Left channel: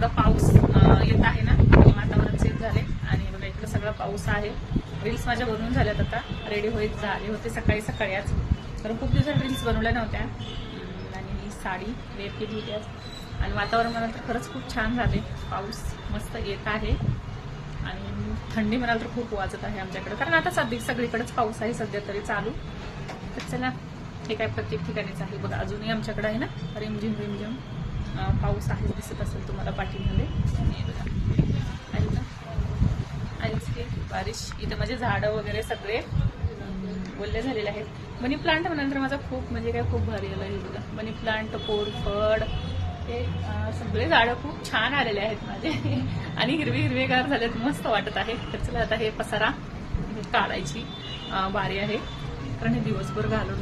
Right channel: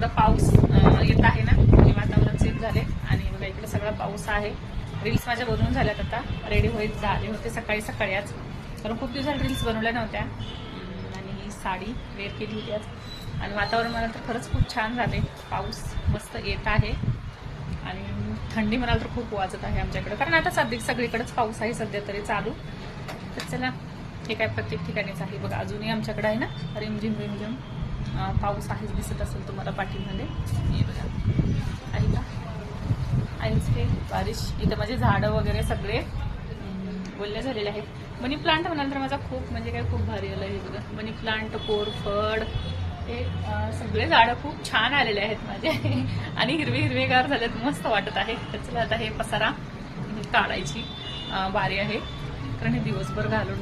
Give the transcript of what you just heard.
एवढा पाऊस येत आहे ना, वातावरण चेंज झाले आणि बघा इकडे सगळा पाऊस आहे. रील्स माझ्या बनवून झाल्यात, आता रेडी होईल झाले होते सकाळी सकाळी आज, कारण खूप दिवसात रील्स बनवल्या नव्हत्या. आणि ही साडी वेअर केली होती आज. आणि वातावरण म्हणाल तर खरंच खूप छान झाले, पाऊस मस्त येत आहे आणि थंडी म्हणाल तर खूप वाजत आहे आमच्याकडे, कारण आता सगळीकडेच पाऊस आहे सध्या तरी चालू. तर चला, हे काय प्रत्येक ठिकाणीच आहे बघा, अजूनही आमच्याकडे आहे ना रिमझिम रिमझिम पाऊस आहे, दिसत असेल तुम्हाला पाठीमध्ये. हे बघा आईच हे बारिश. इथं माझे झाडं वगैरे सगळे ओले झालेले आहेत. मनी प्लांट म्हणाल तर माझा खूप म्हणजे काय खूप भारी आला. हे बघा मनी प्लांट, कोरफड, हे सगळे झाडं खूप छान आलेले आहेत माझे आणि हिरवेगार झालेत, मस्त वाटत आहे. तर चला आता हे पसारा काढायची बारी आहे, कारण हे दिवसभर घालून